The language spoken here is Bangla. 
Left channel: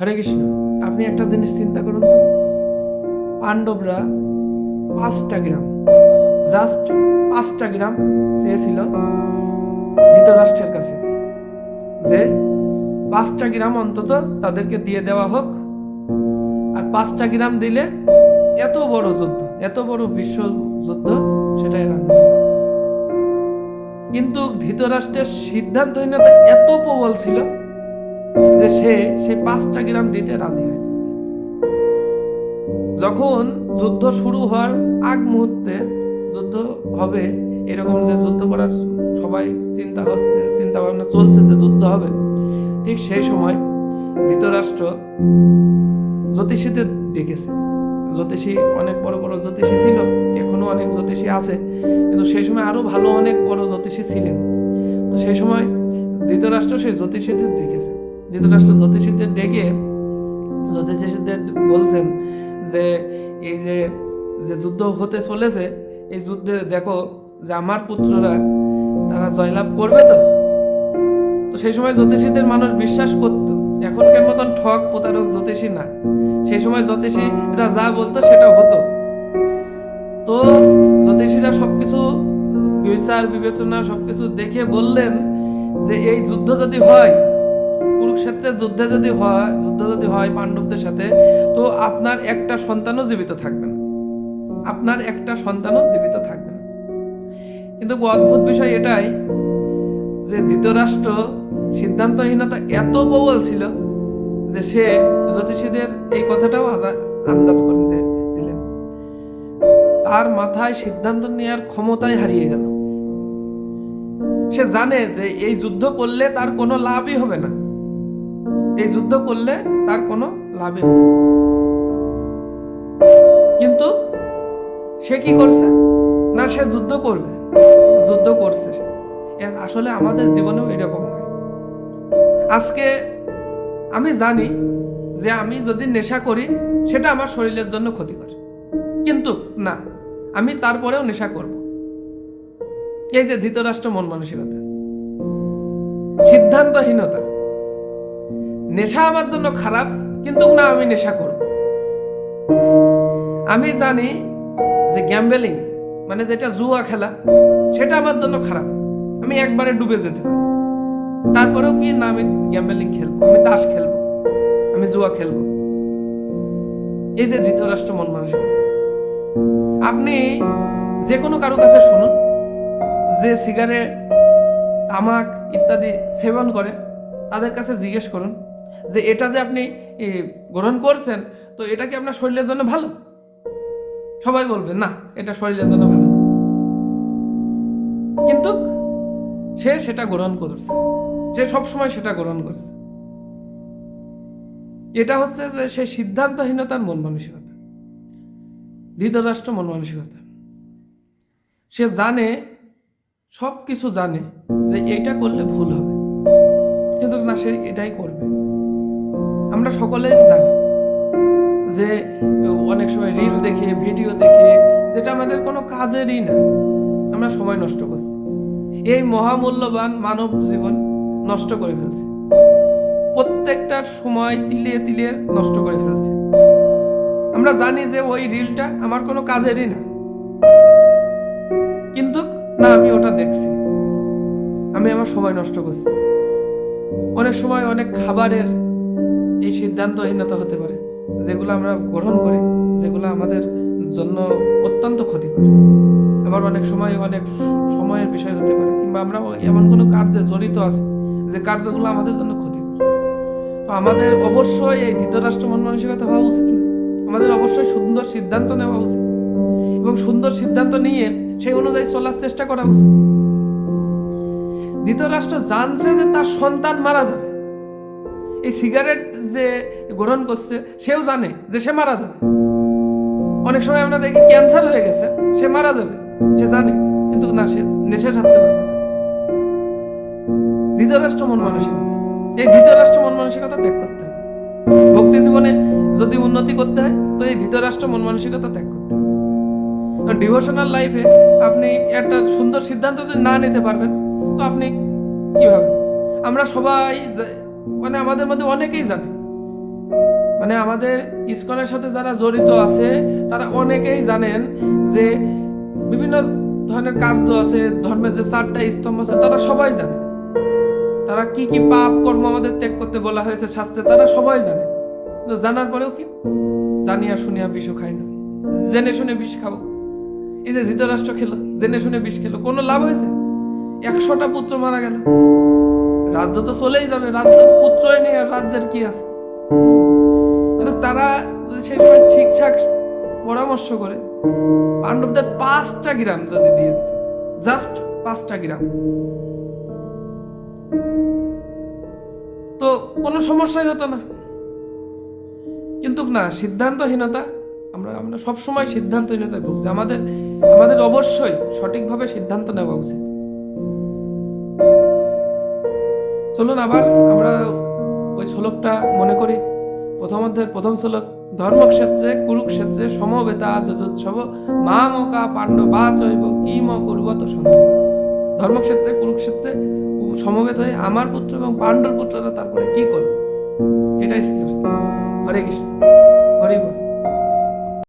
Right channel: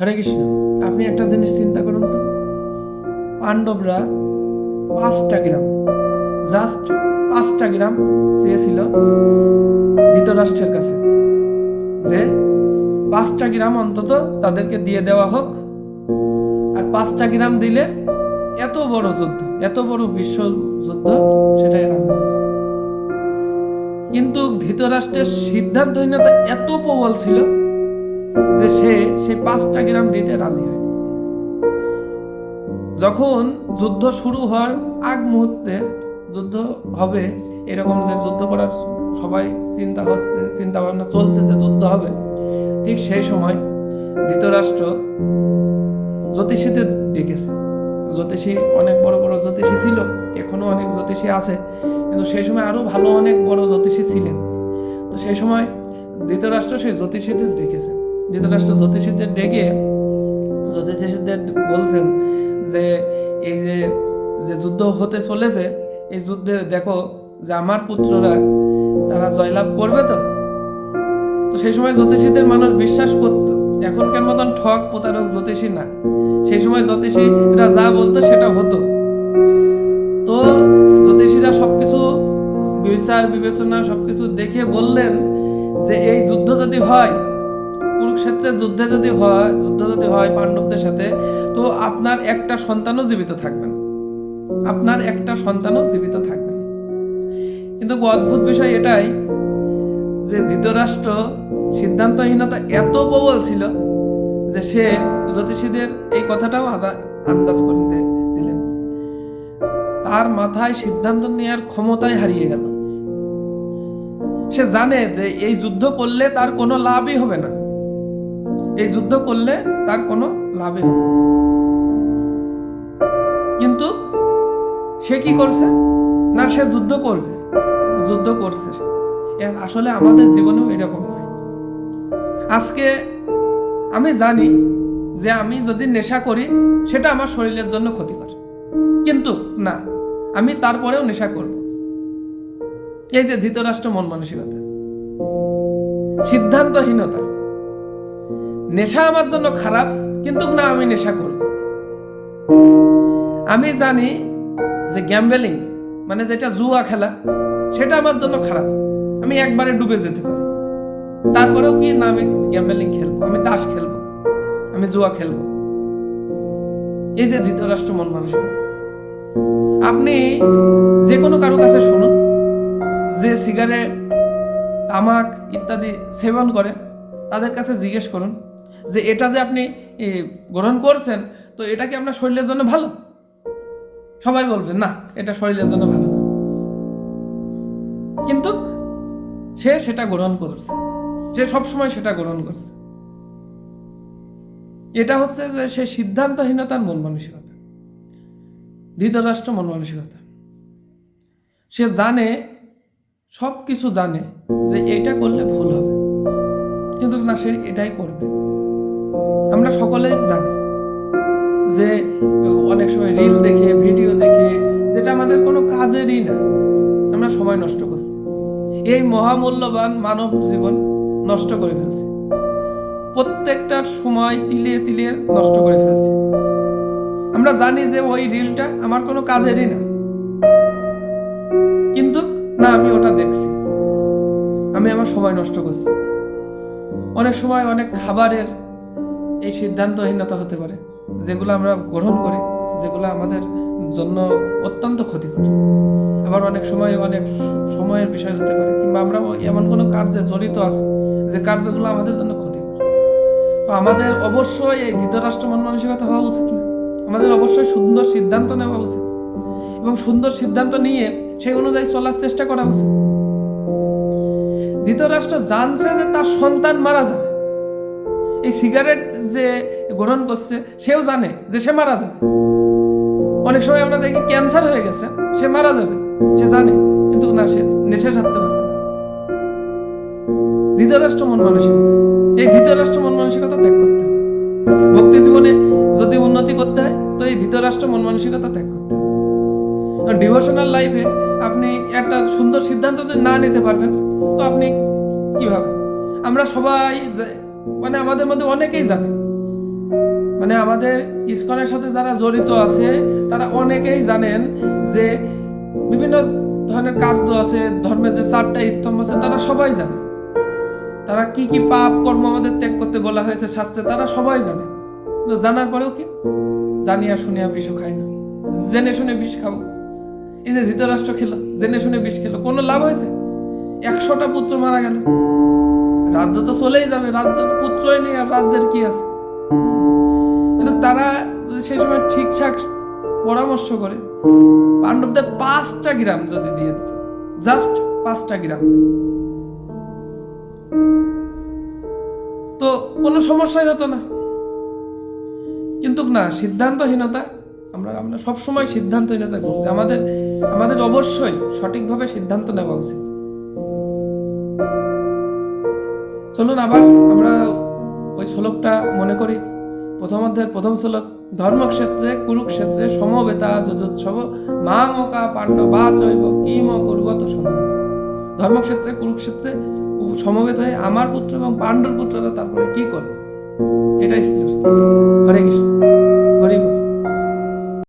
হরে কৃষ্ণ। আপনি একটা জিনিস চিন্তা করুন তো, পাণ্ডবরা 5টা গ্রাম, জাস্ট 5টা গ্রাম চেয়েছিল ধৃতরাষ্ট্রের কাছে, যে 5টা গ্রাম অন্তত তাদেরকে দিয়ে দেওয়া হোক। আর 5টা গ্রাম দিলে এত বড় যুদ্ধ, এত বড় বিশ্ব যুদ্ধ সেটা এড়ানো। কিন্তু ধৃতরাষ্ট্রের সিদ্ধান্তহীনতা এত প্রবল ছিল যে সেই 5টা গ্রাম দিতে রাজি হয়। যখন যুদ্ধ শুরু হওয়ার আগ মুহূর্তে, যুদ্ধ হবে এরকম, যে যুদ্ধ করার সবাই চিন্তা ভাবনা চলছে যে যুদ্ধ হবে, ঠিক সেই সময় ধৃতরাষ্ট্র জ্যোতিষীদের ডেকেছে। জ্যোতিষী, অনেক বড় বড় জ্যোতিষী ছিল, এখনো অনেক জ্যোতিষী আছে, কিন্তু সেই সময় আরো ভালো অনেক বড় জ্যোতিষী ছিলেন। তো সেই সময় ধৃতরাষ্ট্র সেই জ্যোতিষীদের ডেকেছে। ধৃতরাষ্ট্র জ্যোতিষীদের ডেকে জ্যোতিষীদের বলছেন যে এই যে যুদ্ধ হতে চলেছে, এই যুদ্ধে দেখো যে আমার পুত্ররা তারা জয়লাভ করবে। তো সেই সময় জ্যোতিষীদের মানুষ বিশ্বাস করত, এখনকার মতন ঠক প্রতারক জ্যোতিষী না। সেই সময় জ্যোতিষীরা যা বলতো সেটা হতো। তো জ্যোতিষীরা সবকিছু বিচার বিবেচনা সবকিছু দেখে বললেন যে এই যুদ্ধ যদি হয়, কুরুক্ষেত্রের যুদ্ধ যদি হয় পাণ্ডবদের সাথে, তো আপনার একটা সন্তানও জীবিত থাকবে না, আপনার একটা সন্তানও জীবিত থাকবে না। কিন্তু অদ্ভুত বিষয় এটাই যে ধৃতরাষ্ট্র সিদ্ধান্তহীনতা এত প্রবল ছিল যে সে জ্যোতিষীদের এই কথাটাও আন্দাজ করে দিলেন। তার মাথায় সিদ্ধান্ত নেওয়ার ক্ষমতাই হারিয়ে গেল। সে জানে যে এই যুদ্ধ করলে তার কোনো লাভই হবে না, এই যুদ্ধ করলে তার কোনো লাভই হবে না। কিন্তু সে কি করছে না, সে যুদ্ধ করবে, যুদ্ধ করছে। আসলে আমাদের জীবনেও এরকম হয়। আজকে আমি জানি যে আমি যদি নেশা করি সেটা আমার শরীরের জন্য ক্ষতিকর, কিন্তু না, আমি তারপরেও নেশা করব। এই যে ধৃতরাষ্ট্র মন মানসিকতা, সিদ্ধান্তহীনতা। নেশা আমার জন্য খারাপ, কিন্তু না, আমি নেশা করব। আমি জানি যে গ্যাম্বলিং মানে যেটা জুয়া খেলা, সেটা আমার জন্য খারাপ, আমি একবারে ডুবে যেতে পারি, তারপরেও কি না, আমি গ্যাম্বলিং খেলবো, আমি তাস খেলবো, আমি জুয়া খেলবো। এই যে ধৃতরাষ্ট্র মন মানসিকতা। আপনি যে কোনো কারো কাছে শুনুন যে সিগারেট, তামাক ইত্যাদি সেবন করে, তাদের কাছে জিজ্ঞেস করুন যে এটা যে আপনি গ্রহণ করছেন, তো এটা কি আপনার শরীরের জন্য ভালো? সবাই বলবে না, এটা শরীরের জন্য ভালো না। কিন্তু সে সেটা গ্রহণ করছে, সে সবসময় সেটা গ্রহণ করছে। এটা হচ্ছে যে সে সিদ্ধান্তহীনতার মন মানসিকতা, ধৃতরাষ্ট্র মন মানসিকতা। সে জানে, সব কিছু জানে যে এটা করলে ভুল হবে, কিন্তু না, সে এটাই করবে। আমরা সকলেই জানি যে অনেক সময় রিল দেখে, ভিডিও দেখে, যেটা আমাদের কোনো কাজেরই না, আমরা সময় নষ্ট করছি, এই মহামূল্যবান মানব জীবন নষ্ট করে ফেলছে, প্রত্যেকটার সময় তিলে তিলে নষ্ট করে ফেলছে। আমরা জানি যে ওই রিলটা আমার কোনো কাজেরই না, কিন্তু না, আমি ওটা দেখছি, আমি আমার সময় নষ্ট করছি। অনেক সময় অনেক খাবারের এই সিদ্ধান্তহীনতা হতে পারে, যেগুলো আমরা গ্রহণ করি, যেগুলো আমাদের জন্য অত্যন্ত ক্ষতিকর। আবার অনেক সময় অনেক সময়ের বিষয় হতে পারে, কিংবা আমরা এমন কোনো কার্যে জড়িত আছি যে কার্যগুলো আমাদের জন্য ক্ষতিকর। তো আমাদের অবশ্যই এই ধৃতরাষ্ট্র মন মানসিকতা হওয়া উচিত না, আমাদের অবশ্যই সুন্দর সিদ্ধান্ত নেওয়া উচিত, এবং সুন্দর সিদ্ধান্ত নিয়ে সেই অনুযায়ী চলার চেষ্টা করা উচিত। ধৃতরাষ্ট্র জানছে যে তার সন্তান মারা যাবে, এই সিগারেট যে গ্রহণ করছে সেও জানে যে সে মারা যাবে। অনেক সময় আমরা দেখি ক্যান্সার হয়ে গেছে, সে মারা যাবে, সে জানে, কিন্তু না, সে নেশা ছাড়তে পারবে না। ধৃতরাষ্ট্র মন মানসিকতা, এই ধৃতরাষ্ট্র মন মানসিকতা ত্যাগ করতে হবে। ভক্তি জীবনে যদি উন্নতি করতে হয়, তো এই ধৃতরাষ্ট্র মন মানসিকতা ত্যাগ করতে হবে। ডিভোশনাল লাইফে আপনি একটা সুন্দর সিদ্ধান্ত যদি না নিতে পারবেন, তো আপনি কিভাবে? আমরা সবাই মানে আমাদের মধ্যে অনেকেই জানে মানে আমাদের ইসকনের সাথে যারা জড়িত আছে তারা অনেকেই জানেন যে বিভিন্ন ধরনের কার্য আছে, ধর্মের যে 4টা স্তম্ভ আছে তারা সবাই জানে, তারা কি কি পাপ কর্ম আমাদের ত্যাগ করতে বলা হয়েছে শাস্ত্রে তারা সবাই জানে। কিন্তু জানার পরেও কি জানিয়া শুনিয়া বিষও খায় না, জেনে শুনে বিষ খাবো। এই যে ধৃতরাষ্ট্র খেলো, জেনে শুনে বিষ খেলো, কোনো লাভ হয়েছে? 100টা পুত্র মারা গেল, রাজ্য তো চলেই যাবে, রাজ্য পুত্রই নেই, আর রাজ্যের কি আছে? কিন্তু তারা যদি সেই সময় ঠিকঠাক পরামর্শ করে পাণ্ডবদের 5টা গ্রাম যদি দিয়ে দিত, জাস্ট 5টা গ্রাম, তো কোনো সমস্যাই হতো না। কিন্তু না, সিদ্ধান্তহীনতা, আমরা সবসময় সিদ্ধান্তহীনতায় ভুগছি। আমাদের অবশ্যই সঠিকভাবে সিদ্ধান্ত নেওয়া উচিত। চলুন আবার আমরা ওই শ্লোকটা মনে করি। প্রথম অধ্যায়ের প্রথম শ্লোক, ধর্মক্ষেত্রে কুরুক্ষেত্রে সমবেতা যজোৎসব মামকা পাণ্ডবা চৈব কিম কুর্বত সন্ধ্যা। ধর্মক্ষেত্রে কুরুক্ষেত্রে সমবেত হয়ে আমার পুত্র এবং পাণ্ডুর পুত্ররা তারপরে কি করবে, এটাই ছিল। হরে কৃষ্ণ, হরি বল।